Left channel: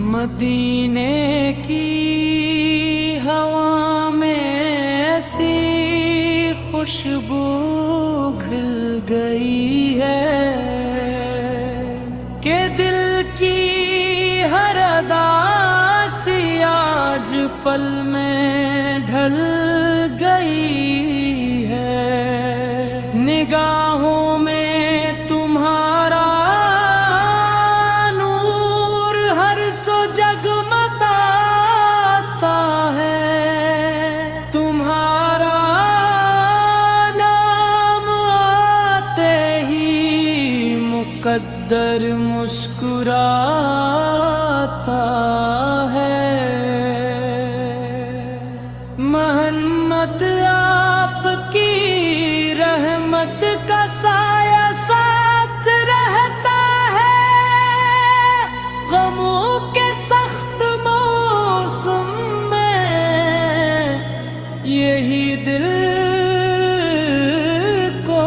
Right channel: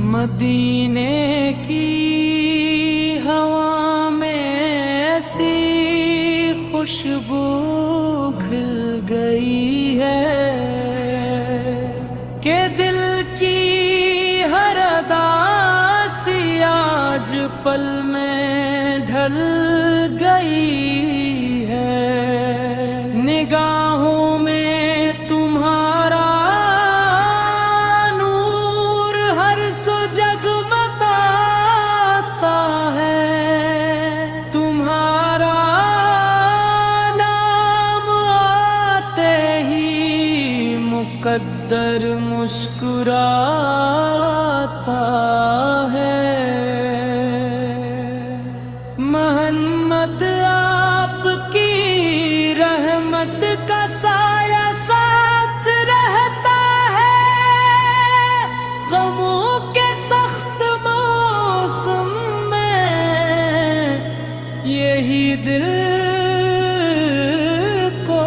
मदीने की हवा में ऐसी खुशबू खिल गई है कि दिल की हर अदासी आज पल में ढल गई है। निगाहों में तुम्हारा नूर हर सो जगमगाता है। तुम्हारा नाम आते ही मुकद्दर मुस्कुराता है। मोहम्मद आपकी रहमत का साया साथ रहता है। गमों के सख्त मौसम में यही दिल को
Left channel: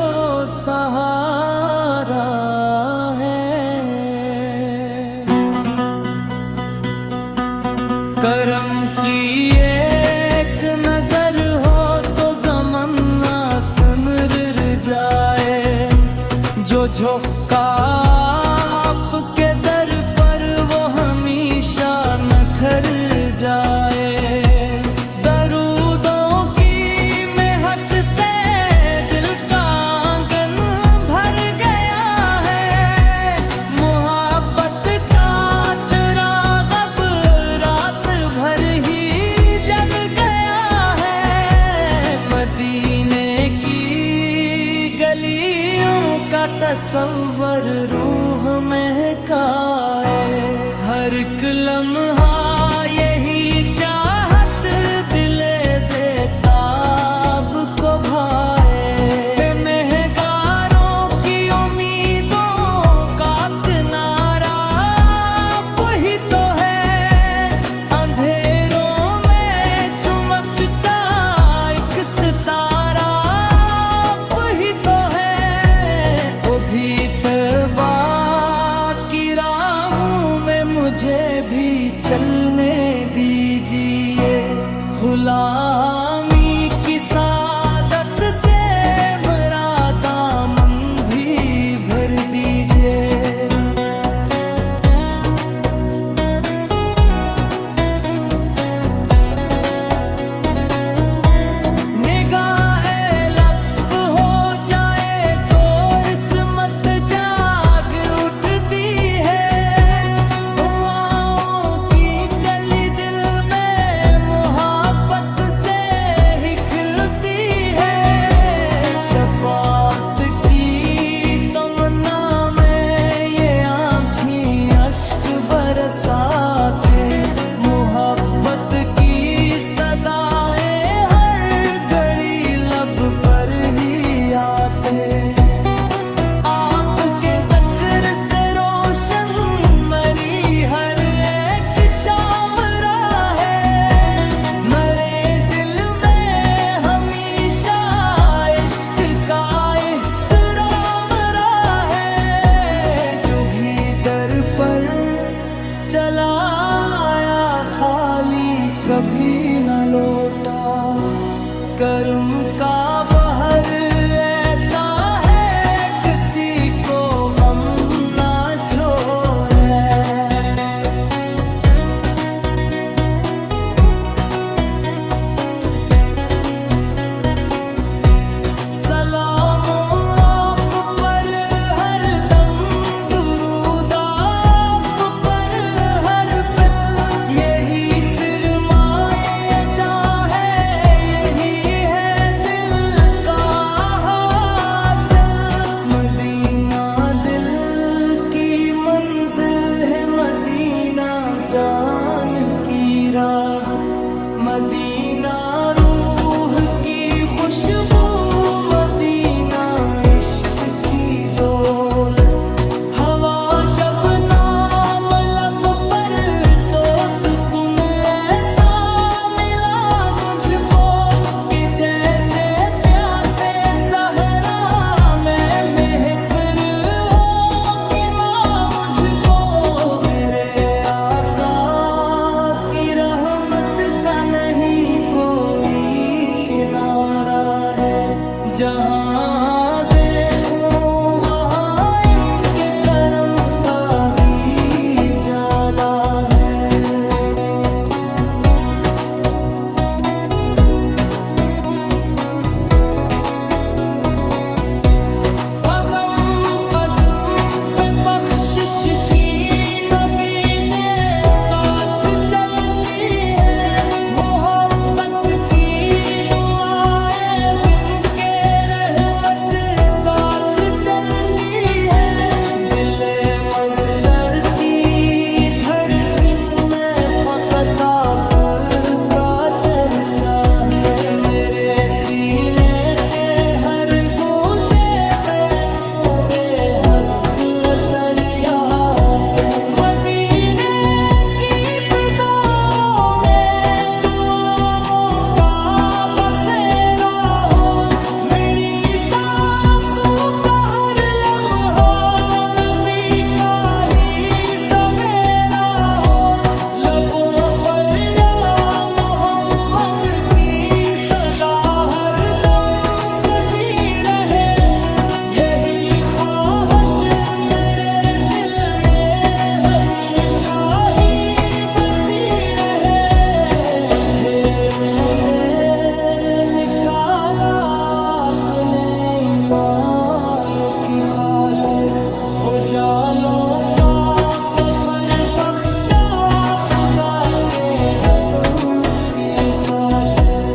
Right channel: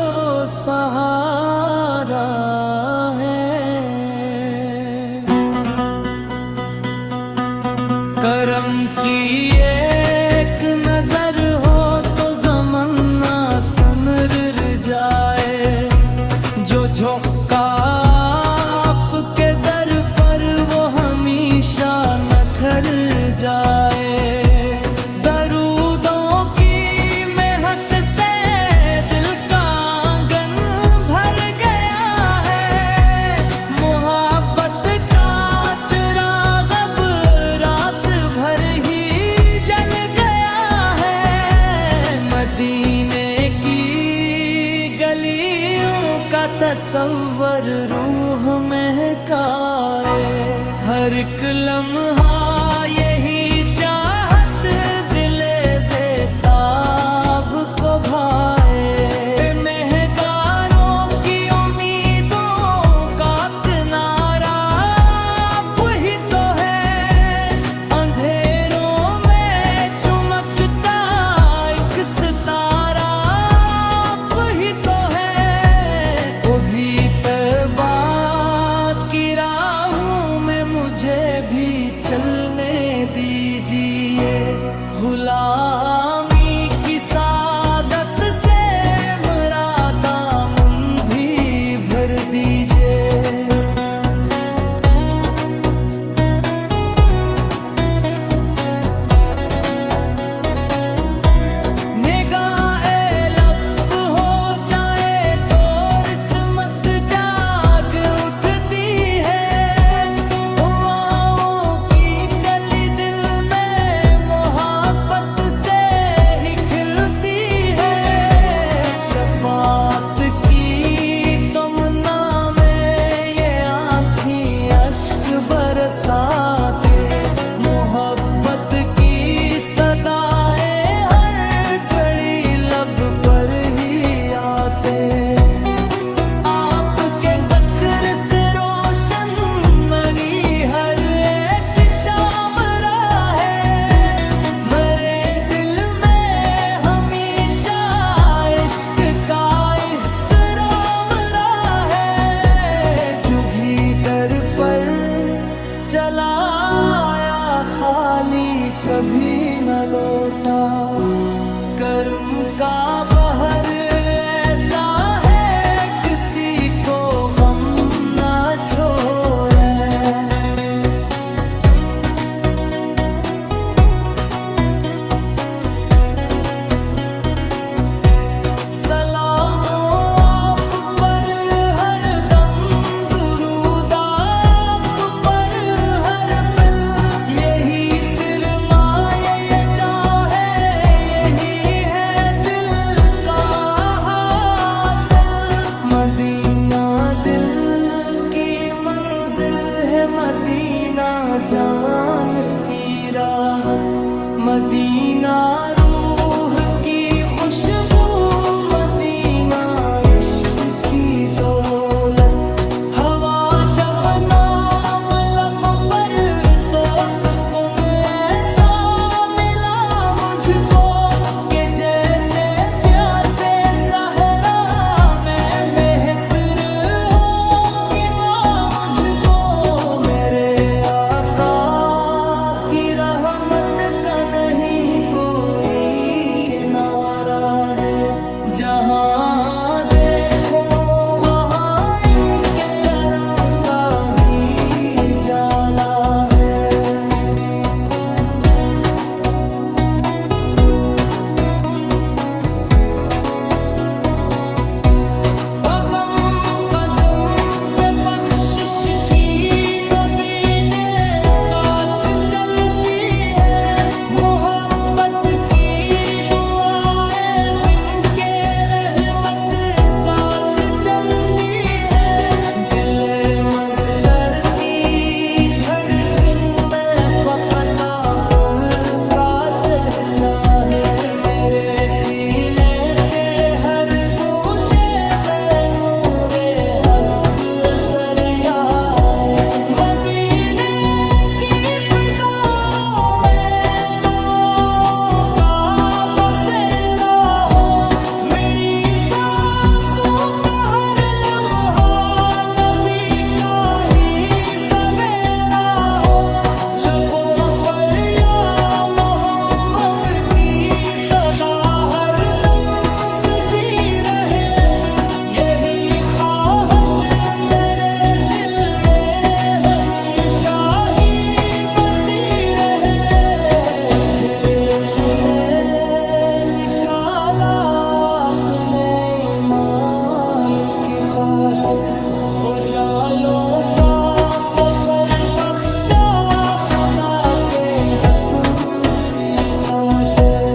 सहारा है। करम की एक नजर हो तो ज़माना सनर जाए। जो झोंका आपके दर पर वो हमेशा नखर जाए। दरूदों की महक से दिल का आंगन भर गया है। मोहब्बत का चिराग अब रात भर ही जल गया है। मदीने की गलियों का तस्वर रूह महकाए। हर एक लम्हा यही चाहत दिले बेताब को भाए। महगारों की उम्मीदों का किनारा आप ही तो है। अंधेरों में चमकता एक सितारा आप ही तो है। वो भी तौबा की राहों में मुझे भी चलने दीजिए। गुलामी की सादत से मेरा दामन भी भर दीजिए। निगाहे लफ्ज़ हो जाए तो रिस्मत जाग उठती है। दुआओं की कली दिल में मोहब्बत से ही खिलती है। शफाअत की तमन्ना में ये आँखें अश्क बरसाते। मोहब्बत की सदाएं हर घड़ी लब पर ही आते। आपके ज़िक्र से रोशन मरी हर एक शाम राहे। मेरे दिल में हमेशा इश्क का एहतराम रहा है। जो भी दर पर चला आया खाली कभी न लौटा। कर्म का बहर ऐसा है किसी को गम न छोड़े। सलामो आप पर हर दम, दुरूद आप पर हर पल। यही सिरमाए ये जाहे, यही है दिल का हासिल। मदीना दिल की मंजिल है, मदीना जान की राहत। मदीना रूह की खुशबू, मदीना इश्क की दौलत। हवा जब नाम लब पर तो सुकून ऐसा मिला मुझको कि जैसे प्यासे सहरा में महसर हो कि माँ मुझको मेरे आका नहीं कोई किनारा है। जहाँ देखो वहाँ इनके करम का ही जाला है। कदम कदम पे बख्शिश की नबी दे साथ चलती है। मोहब्बत की दुआएं बिन के रहमत साथ चलती है। दिले मस्तर की धड़कन में फकत आपका चर्चा है। मेरे सीने के हर गोशे में नूरे हक दरिया है। मदीने की फिजाओं में दुआओं का बसेरा हो। मेरी सांसों का हर लम्हा नबी का ही सवेरा हो। लबों पर या मोहम्मद की सदा हर दम सजी रहे। यही ख्वाहिश मेरे दिल में हमेशा ही बसी रहे। अंधेरों से निकाला अपने ईमान की खातिर। उजालों का सफर बख्शा खुदा के हुक्म की खातिर।